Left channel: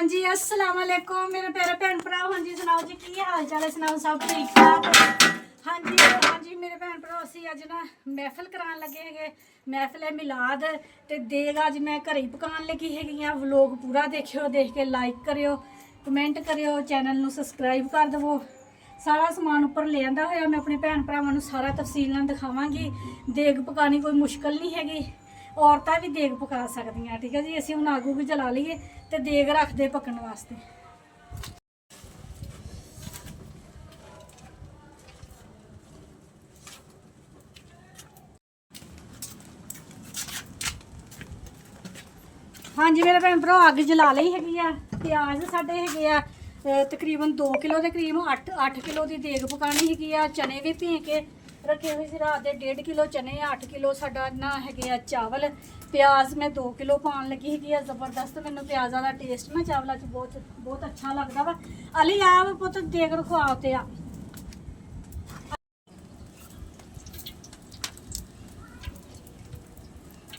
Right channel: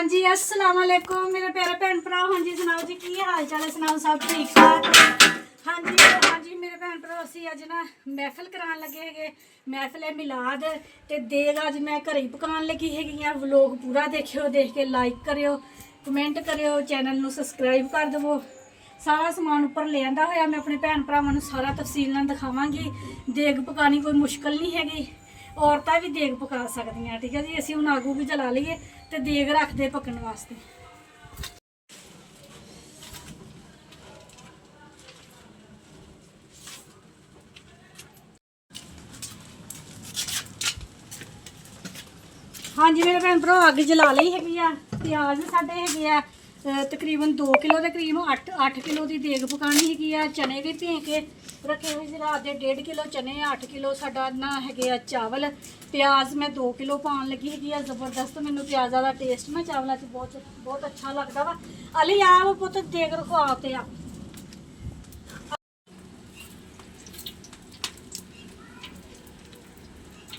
हाँ जी अस्सलाम वालेकुम मेरे प्यारे भैन भरा। हाँ जी सुनाओ जी की हाल चाल है, सुनाओ सब ठीक ठाक। हाँ जी मेरे भैन भरा असी अज ना महफिल करान लगे है, महफिल है मिलाद ते देग अज मैं घर ही पकान लगी है। व्लॉग पूरा देखियो, देख के लाइक करियो, कमेंट करियो, चैनल नू सबसक्राइब कर देवो। सारा समान उपर ले आंदा होया मैं अपने भैन भरावां नू सारा तफसील नाल दिखावांगी। देग पकानी कोई मुश्किल नहीं हैगी, औरतां भी देग पका सकदियां। ठीक है जी, असीं हुण आगू भी जला लईए ते देग रखदे पकण वास्ते। हाँ जी मेरे भैन भरा अग जला ली हैगी आ। प्याज साडे हैगे आ तकरीबन 2 किलो के करीब 8 किलो की देग पकानी हैगी आ। चने भी भे के रखे हुए रात के 1.5 किलो चने, 8 किलो साडा ना है चावल। प्याज मैं 2 किलो पान लगी है। जबरदस्त मैनू प्याज़ा का टेस्ट ना चावलों से बहुत बहुत अच्छा लगता वा। अली आप पुत देग रखवाओ ते आ।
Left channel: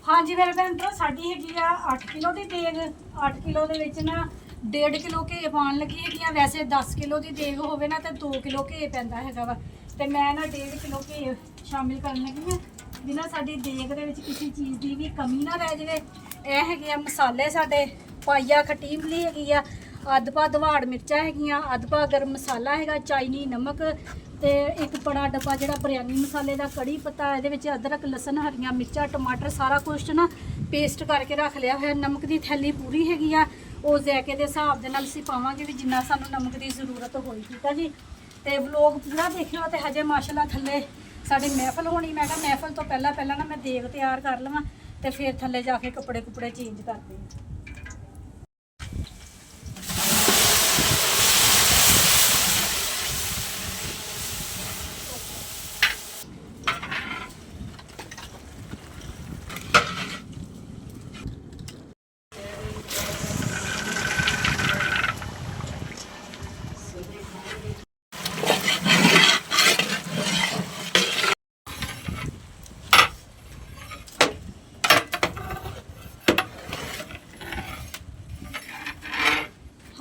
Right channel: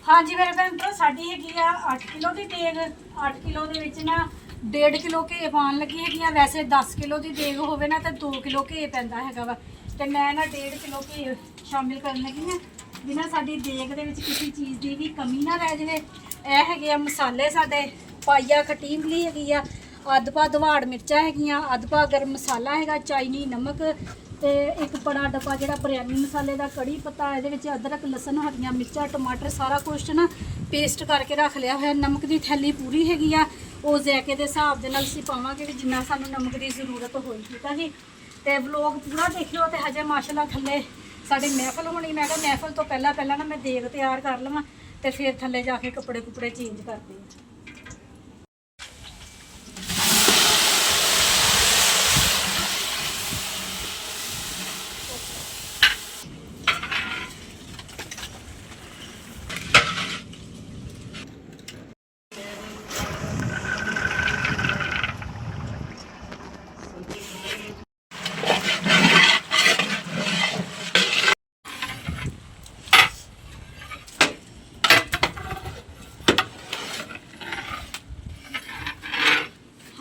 हाँ जी मेरे भैन भरा साड़ी हैगी आ 8 किलो की देग। 8 किलो के ना 1.5 किलो घे पान लगी है। वैसे 10 किलो की देग होवे ना तो 2 किलो घे पैंदा हैगा वा, ते मैं ना 1.5 किलो घे शामिल करन लगी हाँ जिन्हें साड़ी देग दे विच किसी चीज़ की भी कमी ना रह जाए। यह है मसाले साडे पाइया खट्टी इमली हैगी आ, अद्ध पा दवाड़ मिर्चा हैगियां, अद्ध पा गर्म मसाला हैगा, चाइनी नमक ते एक बड़ा डब्बा जो बिरयानी मसाले का, कड़ी पत्ता, ये अदरक लसन हरियां मिर्चा टमाटर सारा कुछ ना पेस्ट करके रख लिया है। नमक की थैली पूरी हैगी आ, वो जैके के हिसाब के असीं पावांगे भी जिन्ना सानूं नमक की जरूरत होई। ठीक है जी, तो व्लॉग पूरा देखियो। तो हजे माशाल्लाह थल्ले साडे महफिल होनी, मैं कहा महफिल तो पहला ना मैं देग तैयार कर लवां ते फिर थल्ले जाके कपड़े कुपड़े चेंज करते हैं।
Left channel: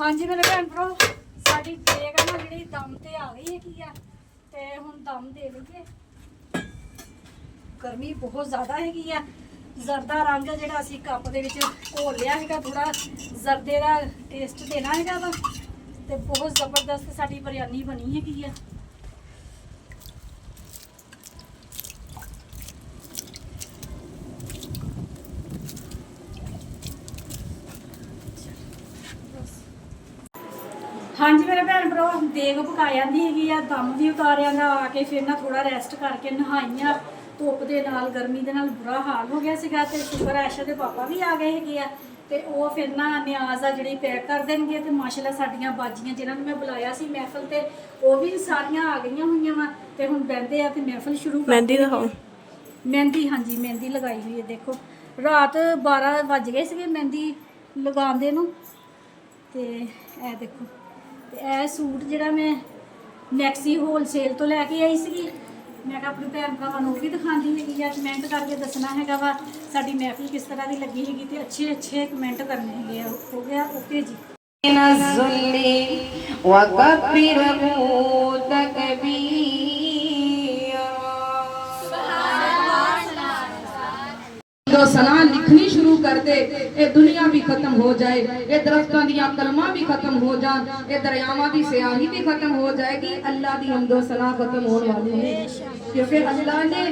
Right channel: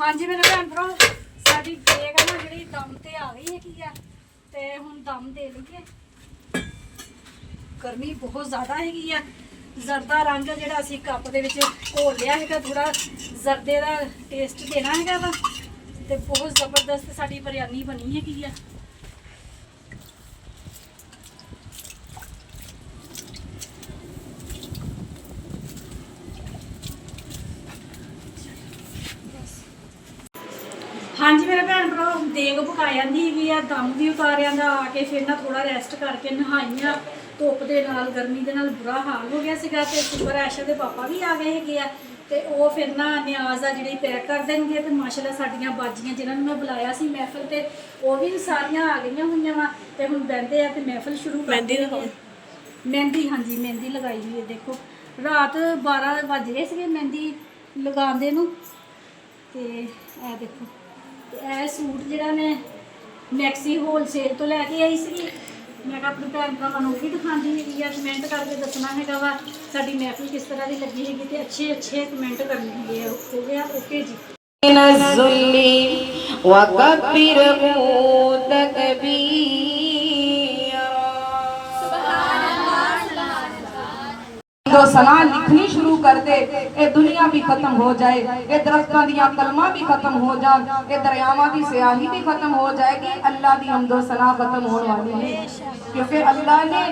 हाँ जी मेरे भैन भरा साडी देग ना जी दम ते आ गई है, ते हुण दम दे लईए। गर्मी बहुत ज़्यादा हैगी आ। जरदा रंग जिहड़ा असीं कप दे विच घोल लिया हैगा, थोड़ा जरदे का टेस्ट देना हैगा वा, ते बहुत ज़बरदस्त साडी बिरयानी बनी हैगी आ। हाँ जी मेरे भैन भरा देग पका जाती हैगी आ, दम भी उतार आंदा आके फिर ना थोड़ा रेस्ट करके नहाई आ। धुप के नाल गर्मी के नाल बुरा हाल हो गया सीगा, ते शुक्र आयशा के पापा भी आ गए हैगे आ, ते वो फिर ना न्याज आ जिहड़ी पैक कर देंगे। तो माशाल्लाह साडियां बाजियां जिन्हां मैं बुलाया सी महफिल ते वो भी सारियां आ गई हुई वा, ते हुण बहिंदे आ ते महफिल शुरू करदे आ। मेहंदी हाँ जी मेहंदी लगाई हुई है, देखो रात 12 बज गए थे मेहंदी लगांदे नूं। ते ए देखो ए सूट जिहड़ा मैं मैक्सी होलसेल तो लैके आई सी, मैं अपनी भैन भरावां नूं भी दिखांदी हैगी आ। कमेंट करके दसना हैगा वा साडी महफिल किस तरह की लगी हैगी, ते अच्छे अच्छे कमेंट करने हैगे। हो गया ओके जी। जो सना लिखनी शुरू कर दे, ये दुनिया भी खत्म हो जाए, ये दरख्तों दी कलमा भी खत्म हो जान, ये दरियावां की स्याही भी खत्म हो जाएगी। अल्लाह दी हमदो सना खत्म होने वाली है, क्योंकि अल्लाह ने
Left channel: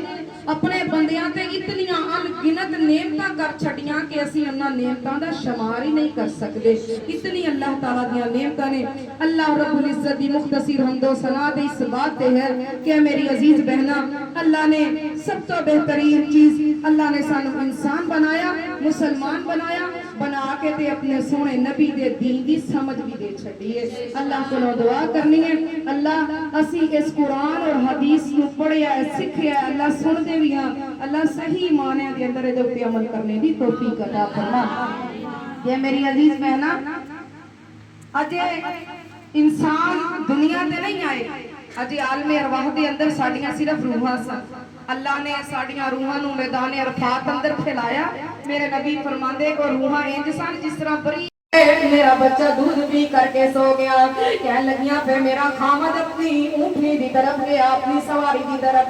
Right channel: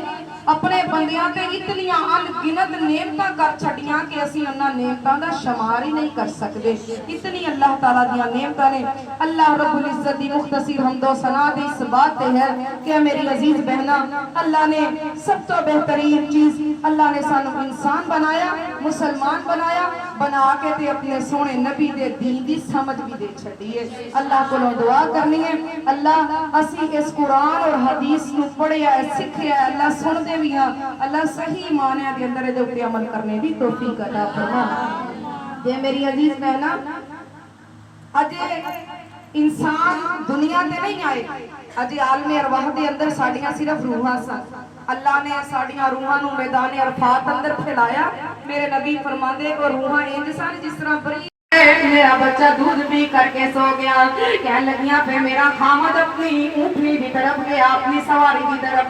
अपने बंदियां ते इतनियां अनगिनत नेमतां कर छड़ियां कि असीं उन्हां नेमतां दा शुमार ही नहीं कर सकते। इतनी अल्लाह ताला दियां नेमतां ने। अल्लाह रब्बुल इज्जत दी मुख्तसिर हमदो सना दे इस बात ते है कि मेरी अजीज बहना, अल्लाह ने सब तो बेहतरीन चीज अल्लाह ने सानू इंसान बनाया, मुसलमान बनाया, बना के ते अपने सोने नबी दे दीन दी समझ भी दे छड़ी है। अल्लाह को दुआ करनी है, अल्लाह असी इस कुरान और हदीस नू पढ़िया सीखिया, अल्लाह सुनदे भी हां, अल्लाह सही मानिया दे अंदर इहदे उत्ते अमल करने दी तौफीक अता फरमा। ये मेरी अजीज बहना अजे इंसान दुनिया ते नहीं आए, अजे आलमे अरवाह दे अंदर साडियां सिर्फ रूहां सन। अल्लाह ने साडियां रूहां नू मैदान अरफात अंदर फैलाया। मेरे नबी फरमांदे को रूहां इंज सन जिस तरह बड़ी मेरा बच्चा दूध पी करके सो गया। कह लगिया फिर मेरा खामद अपनी ऊँटनी की तरफ गया, अपनी सवारी की तरफ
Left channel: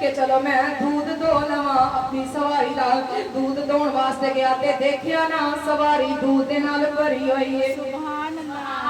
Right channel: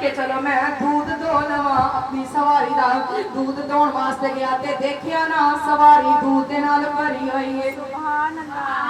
कि चलो मैं दूध दो लवा अपनी सवारी का। दूध दोण वास्ते गया ते देखिया ना सवारी दूध दे नाल भरी हुई है।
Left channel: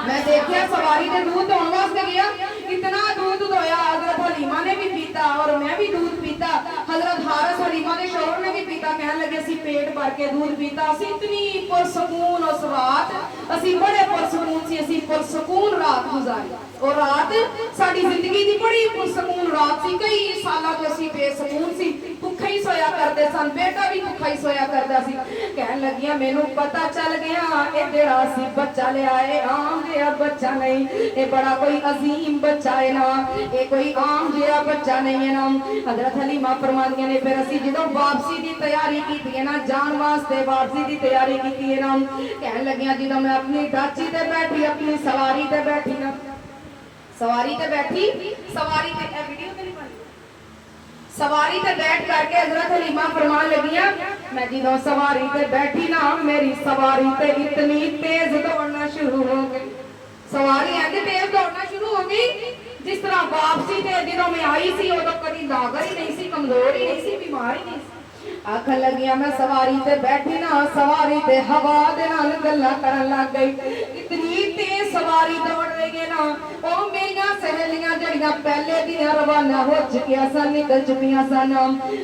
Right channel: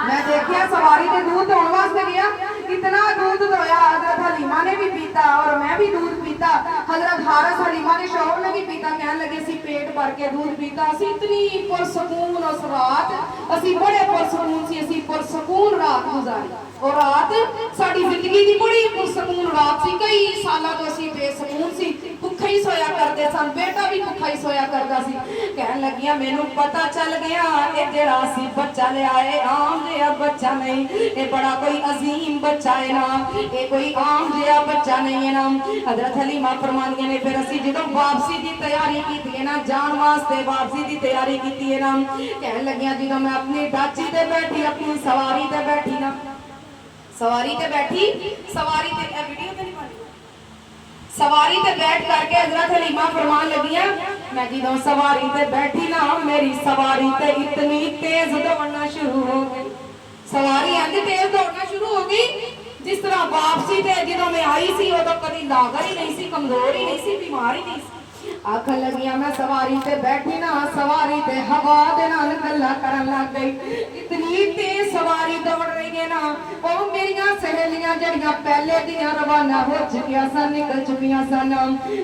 मैं देखिया सवारी के दूध दोण वास्ते गया, इतना दूध दोया हजरत हलीमा ने भी पीता और मैं भी दूध पीता। हजरत हारिस हलीमा के शौहर ने भी पीता। कहने लगे सी पेट भर के दूध पीता। असी इतनी पुरसकून उस रात, असी बड़े पुरसकून सी, असी पुरसकून रात गुजारी। और रात साडी जिंदगी दी बड़ी पुरसकून रात सी। कई सालों तो असी बेसकून सी, भुखे ही सोया करते सन, बेटा भी भुखा ही सोया करता सी। कहने लगिया मैनू पता चल गया ये जेड़ा सी बच्चा ले आए आम जिहा बच्चा नहीं, ये बड़ा कोई अजीम बच्चा है ना, ये कोई आम जिहा बच्चा नहीं है ना। हजरत हलीमा फरमांदियां ने फिर असी जदों वापसी की तैयारी की है ना, जान वास्ते वापसी की तैयारी की है ना, कहने लगिया जदों मैं अपनी डाची ते बैठी, अपनी सवारी ते बैठी ना, सवारी ते बैठी, सवारी ते वीडियो ते नहीं पानी, सवारी ते बैठ करके हजरत हलीमा फरमान लगिया मैं जदों सवारी ते बैठी ना, मेरी सवारी ते इतनी तेज दौड़ना शुरू हो गई। सवारी ऐसे तेज दौड़ना शुरू हो गई जिस तरह वापसी ते जदों मैं आई सी उदों कदी लागर ही नहीं सी, कमजोर ही नहीं सी, बीमार ही नहीं सी। आखन लगिया मैं सवारी ते बैठी ना, सवारी ते हवा दे नाल गल्लां करन लग गई। इतनी तेज सवारी दौड़ रही है ना, ओ मेरियां सहेलियां जड़ियां पहले दियां रवाना हो चुकियां सन, निकल चुकियां सन।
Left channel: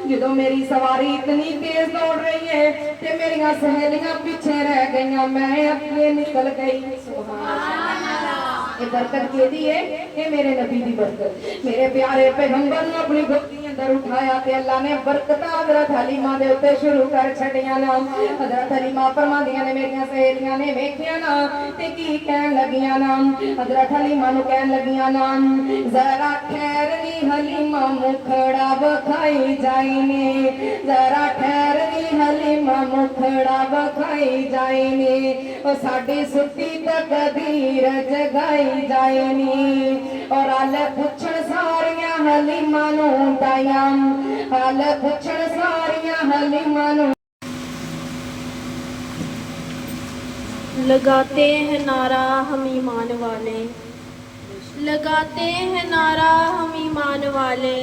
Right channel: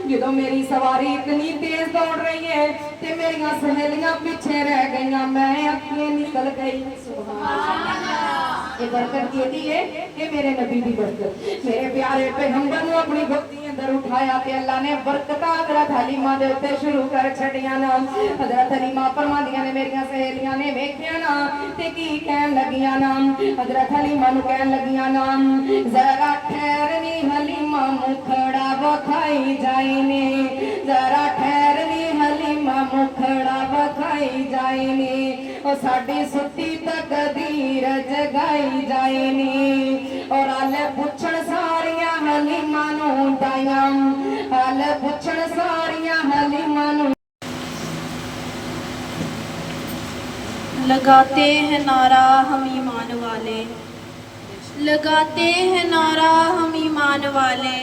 जदों मेरी सवारी इतनी तेज दौड़ रही है ते मेरियां सहेलियां पीछे रह गईयां, मैं अपने निकल गई। सुभान अल्लाह, ये बरकत केदी है? ये मेरे नबी दी बरकत। मेरे प्यारे पैगंबर ने अपनी गोदी अंदर उठाया ते अल्लाह ने बरकत हजरत हलीमा दे उत्ते शुरू कर छड़ियां ना। हजरत हलीमा फरमांदियां ने मेरियां सहेलियां ने वेखिया ना ते की कहन लगियां ना, हजरत हलीमा नु कहन लगियां ना जरा ठहरनी हलीमा मुखड़ा बखाई जाईने, जरा ठहरनी हलीमा मुखड़ा बखाई जाईने, ओ साडी सुती तकदीर जगाई जाईने। और अल पुछण सारियां हलीमा नु दायां, अल पुछण सारियां हलीमा नु। लगाते हैं नारा हम ईमान वाले, लगाते हैं नारा हम ईमान वाले,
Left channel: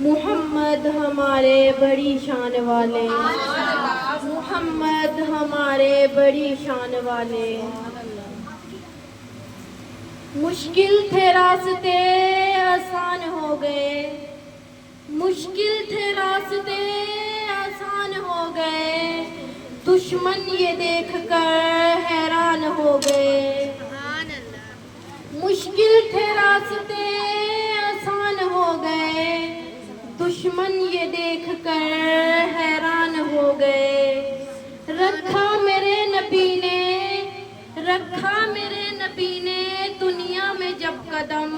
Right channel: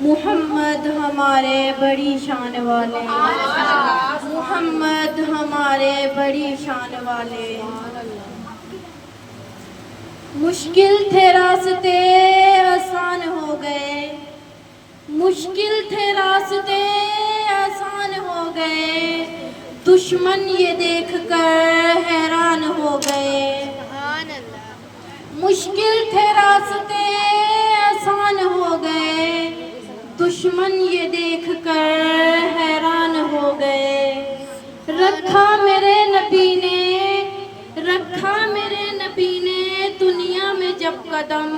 मुहम्मद हमारे बड़ी शान वाले, मुहम्मद हमारे बड़ी शान वाले। मुश्किल थे रास्ते आसान हो गए, मुश्किल थे रास्ते आसान हो गए, दुश्मन ये देख कर हैरान हो गए। मुश्किल थे रास्ते आसान हो गए, दुश्मन ये देख कर हैरान हो गए। रखा मेरे नबी ने, रखा मेरे नबी ने दुनिया में जब कदम,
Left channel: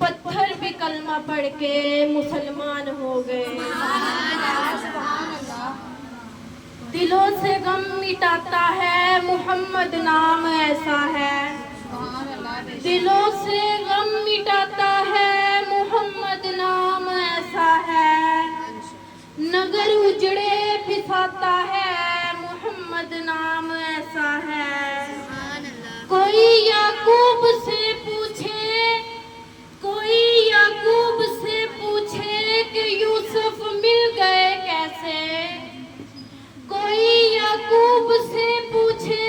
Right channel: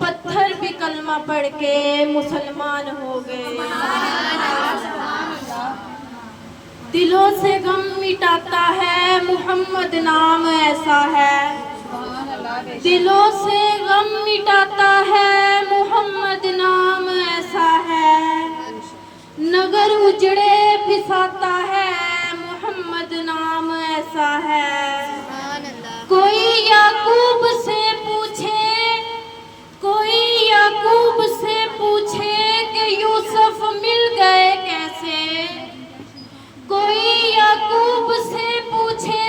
पत्थर भी कलमा पढ़ के मुसलमान हो गए। दिलों से गम मिटाता है मुहम्मद नाम ऐसा है, दिलों से गम मिटाता है मुहम्मद नाम ऐसा है, नगर उजड़े पिसाता है मुहम्मद नाम ऐसा है। कोई याकूब से पूछे, कोई याकूब से पूछे कि यूसुफ मिल गए कैसे, कोई याकूब से पूछे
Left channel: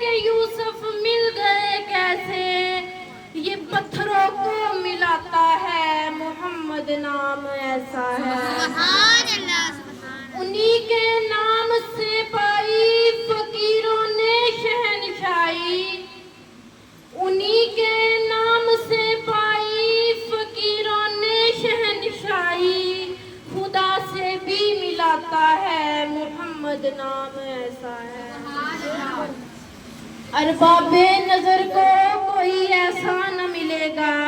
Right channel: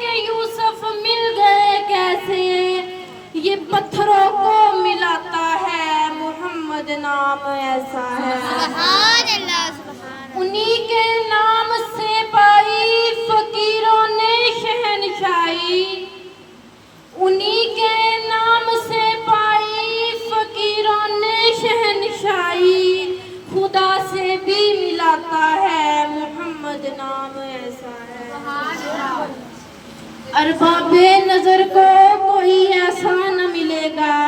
कि यूसुफ मिल गए कैसे, ये पत्थरों को मिलाता है मुहम्मद नाम ऐसा है। उन्हीं के नाम से पाई फकीरों ने शहनशाही, उन्हीं के नाम से पाई फकीरों ने शहनशाही, खुदा से भी मिलाता है मुहम्मद नाम ऐसा है। अरबाबे नजर को कोई ऐसा न मिलेगा,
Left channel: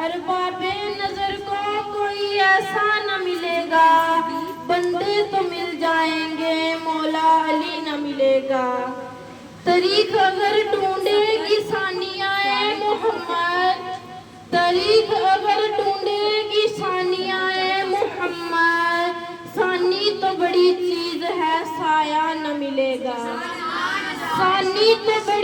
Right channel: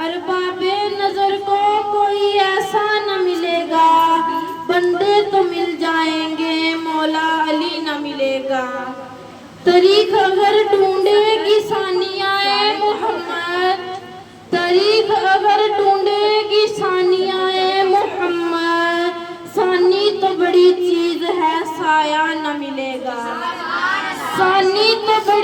अरबाबे नजर को कोई ऐसा न मिलेगा, बंदे तो मिल जाएंगे मौला अली न मिलेगा। तरीक अगर ढूंढेगी सानियाए मुहम्मद, तरीक अगर ढूंढेगी सानियाए मुहम्मद, सानी तो बड़ी चीज है साया न मिलेगा, सानी तो बड़ी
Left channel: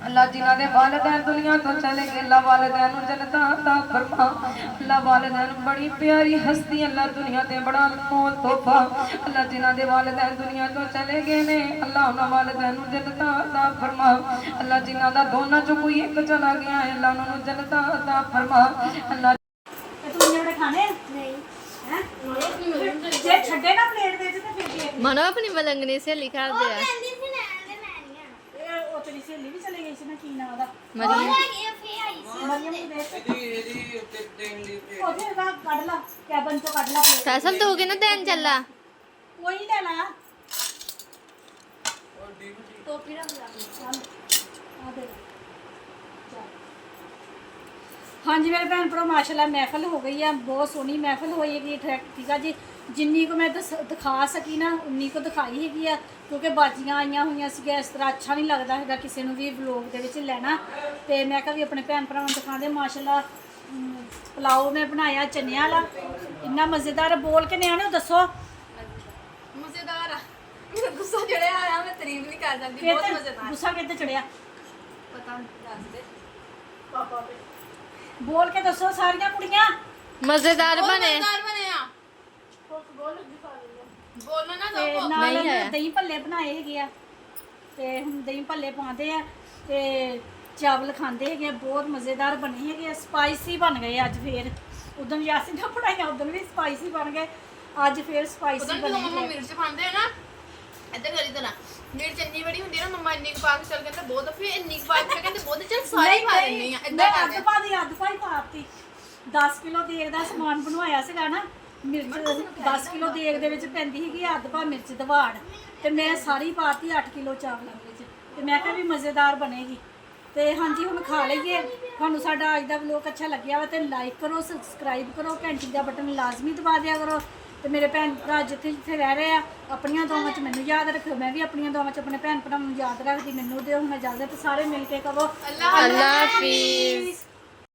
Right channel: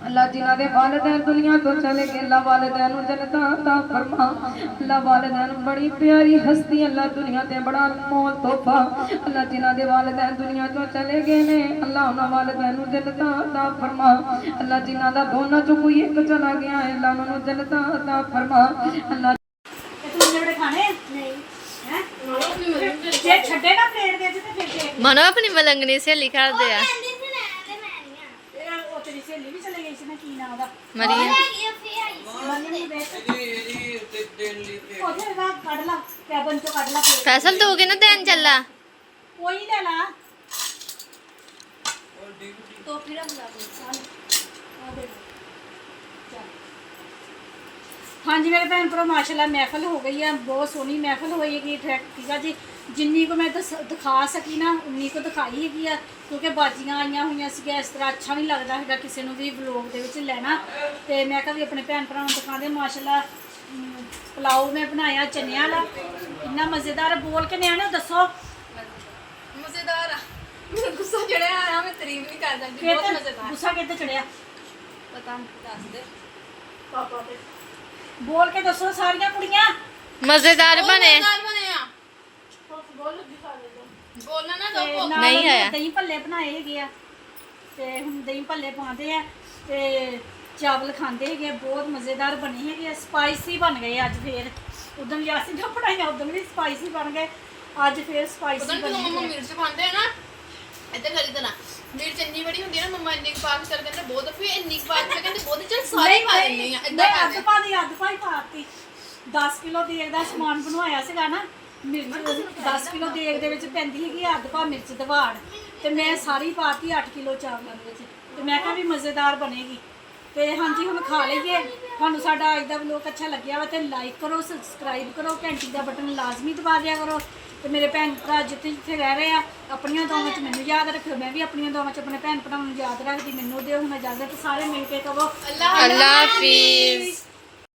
अल्लाह जिन्हां दे वालिदैन दुनिया तो चले गए अल्लाह वालिदैन नूं जन्नतां अता फरमा। अल्लाह वालिदैन बड़ी प्यारी हस्ती अल्लाह दुनिया ते बड़ा अनमोल तोहफा अल्लाह जिन्हां दे वालिदैन दुनिया तो चले गए ने अल्लाह उन्हां वालिदैन नूं जन्नतां अता फरमा। अल्लाह जिन्हां दा दोनां चों कोई एक चला गया है अल्लाह उन्हां नूं जन्नतां अता फरमा। अल्लाह ਇਹ ਤੂੰ ਜਿਹੜੇ ਖਾਣੇ ਨਹੀਂ ਹੈ ਜੇ ਛੱਡੇ ਨਾ ਪਲੇਟ ਦੇ ਤੇ ਫਿਰ ਦੇ ਮਨੋ ਆਪਣੀ ਮਲੰਗਣੀ ਸਹੇਲੀ ਕਰਦੇ ਆ ਇਹ ਉਹ ਤੇਰੀ ਸਹੇਲੀ ਵੀ ਚਲੇ ਗਈ ਸੀ ਨਾ ਕੀ ਨਾਂ ਉਹਦਾ ਮਰੀਆ ਮਰੀਮ ਨੂੰ ਦੇਖ ਉਹਦੇ ਦਾ ਕੱਢ ਲਾ ਕੈਬਨ ਚੋਂ ਕੱਢ ਲਾ plate। ਫੈਸਲ ਦੋਗੇ ਨਾ ਦੇਣ ਚੱਲਾ ਕੋਈ ਲੈ ਲਾ ਹਾਂਜੀ ਮੇਰੇ ਭੈਣ ਭਰਾ ਮਾਸ਼ਾਅੱਲਾ ਮਹਿਫਲ ਹੋ ਗਈ ਹੈ ਬਹੁਤ ਸੋਹਣੀ ਮਹਿਫਲ ਹੋਈ ਹੈਗੀ ਠੀਕ ਆ ਜੀ ਜਿੰਨੀ ਕੁ ਮੈਂ ਦਿਖਾ ਸਕੀ ਨਾ ਉਨੀ ਕੁ ਦਿਖਾਈ ਹੈਗੀ ਆ ਕਿਉਂਕਿ ਬਾਜੀਆਂ ਆਈਆਂ ਹੋਈਆਂ ਸੀਗੀਆਂ ਇਸ ਤਰ੍ਹਾਂ ਅੱਛਾ ਨਹੀਂ ਲੱਗਦਾ ਹੈਗਾ ਕਿਸੇ ਨੂੰ ਵੀ ਵਲੋਗ ਦੇ ਵਿੱਚ ਲੈਣਾ ਤੇ ਮੈਂ ਕਿਹਾ ਵੀ ਆਪਣੇ ਭੈਣ ਭਰਾਵਾਂ ਨੂੰ ਦਿਖਾਉਂਦੇ ਮਾਸ਼ਾਅੱਲਾ ਪੁਲਾਓ ਮੈਂ ਬਣਾਇਆ ਚਨਿਆਂ ਵਾਲਾ ਇੰਨਾ ਮਜ਼ੇਦਾਰ ਬੋਲ ਕੇ ਨਿਆਣੇ ਦੱਸੋ ਮਜ਼ੇਦਾਰ ਆ ਗੁੱਸਾ ਜਿਹੜਾ ਆਇਆ ਮੈਂ ਤਾਰੀਫ ਨਹੀਂ ਕਰ ਜਾਂਦੀ ਬਹੁਤ ਮਜ਼ੇਦਾਰ ਗੁੱਸਾ ਕਿੱਥੇ ਚੜਿਆ ਪਤਾ ਨਹੀਂ ਦੱਸ ਦੇ ਬੋਲ ਕੇ ਦੱਸੋ ਸਾਰੀਆਂ ਕੁੜੀਆਂ ਮਜ਼ੇਦਾਰ ਬਣੇ ਬਣਿਆ ਬੋਲਣਾ ਨਾ ਤੇ ਦੋ ਨਾਲ ਨਹੀਂ ਉਹਨੇ ਆਇਆ। ਦਹੀਂ ਭੱਲੇ ਬਣਾਏ ਹੈਗੇ ਆ ਤੇ ਹੁਣ ਦਹੀਂ ਭੱਲੇ ਪਾਉਂਦੇ ਆ ਤੇ ਚਾਵਲ ਖਾਂਦੇ ਹੈਗੇ ਆ, ਬਹੁਤ ਮਜ਼ੇਦਾਰ ਬਣੇ ਹੈਗੇ ਆ ਸਪਾਈਸੀ ਬਣ ਗਏ ਅੱਜ ਫੇਰ ਉਦੋਂ ਯਾਸੀ ਜੋ ਬਣਾਇਆ ਉਦੋਂ ਵੀ ਸਪਾਈਸੀ ਬਣ ਗਏ ਅੱਜ ਫੇਰ ਸਪਾਈਸੀ ਉਦੋਂ ਬਣੇ ਜਦੋਂ ਮੰਮਾ ਹੈਗੇ ਆ। ਮਿਰਚ ਪਾਉਂਦੇ ਆ ਨਾ ਇੱਦਾਂ ਕਰੀ ਤਾਂ ਨਾ ਜਿਹੜੀ ਚੰਨੀ ਬੜੀ ਹੁੰਦੀ ਆ ਨਾ ਮੰਮਾ ਇੰਨੀ ਕੁ ਪਾ ਕੇ ਚੱਲ ਕਹਿੰਦੇ ਬਹੁਤ ਫਿਰ ਇੰਨੀ ਕੁ ਪਾ ਕੇ ਕਹਿੰਦੇ ਬਹੁਤ ਚੱਲ ਸਾਰੇ ਨਹੀਂ, ਖਾ ਲੈਂਦੇ ਆ ਇੱਦਾਂ ਮੈਂ ਕਰਦੇ ਅੱਧ ਪਾਈ ਪਾਤੀ 10 ਕਿਲੋ ਦੇਗ ਦਾ ਸਮਾਨ ਬਣਵਾਇਆ ਸੀਗਾ ਨਾ ਮਿਰਚ 10 ਕਿਲੋ ਦੇਗ ਦੇ ਵਿੱਚ ਪੈਂਦੀ ਹੈਗੀ ਅੱਧ ਪਾ ਮਿਰਚ ਦਵਾੜ ਤੇ ਮੈਂ ਸਾਰੀ ਪਾਤੀ 8 ਕਿਲੋ ਚਾਵਲਾਂ ਦੇ ਵਿੱਚ ਤੇ ਮੈਂ ਕਿਹਾ ਵੀ ਮਜ਼ੇਦਾਰ ਬਣੇਗੀ ਤੇ ਹਾਂਜੀ ਹੁਣ ਖਾ ਲਈਏ ਤੁਹਾਨੂੰ ਸਾਡਾ ਅੱਜ ਦਾ ਵਲੋਗ ਅੱਛਾ ਲੱਗਿਆ ਵਾ ਤੇ ਲਾਈਕ ਕਰੋ ਸਬਸਕ੍ਰਾਈਬ ਕਰੋ ਘੰਟੀ ਦਾ ਬਟਨ ਲਾਜ਼ਮੀ ਦਬਾ ਦਿਆ ਕਰੋ ਤੇ ਮੇਰੇ ਭੈਣ ਭਰਾ ਜਿੱਥੇ ਜਿੱਥੇ ਰਹਿ ਰਹੇ ਆ ਆਪਣੀਆਂ ਦੁਆਵਾਂ 'ਚ ਮੈਨੂੰ ਯਾਦ ਰੱਖਿਓ ਮੈਂ ਵੀ ਆਪਣੀਆਂ ਦੁਆਵਾਂ 'ਚ ਆਪਣੇ ਭੈਣ ਭਰਾਵਾਂ ਨੂੰ ਯਾਦ ਰੱਖਦੀ ਮੈਨੂੰ ਦਿਓ ਹੁਣ ਇਜਾਜ਼ਤ ਸਾਰੇ ਮਿਲ ਕੇ ਕਹੋ ਅੱਲਾ ਹਾਫਿਜ਼।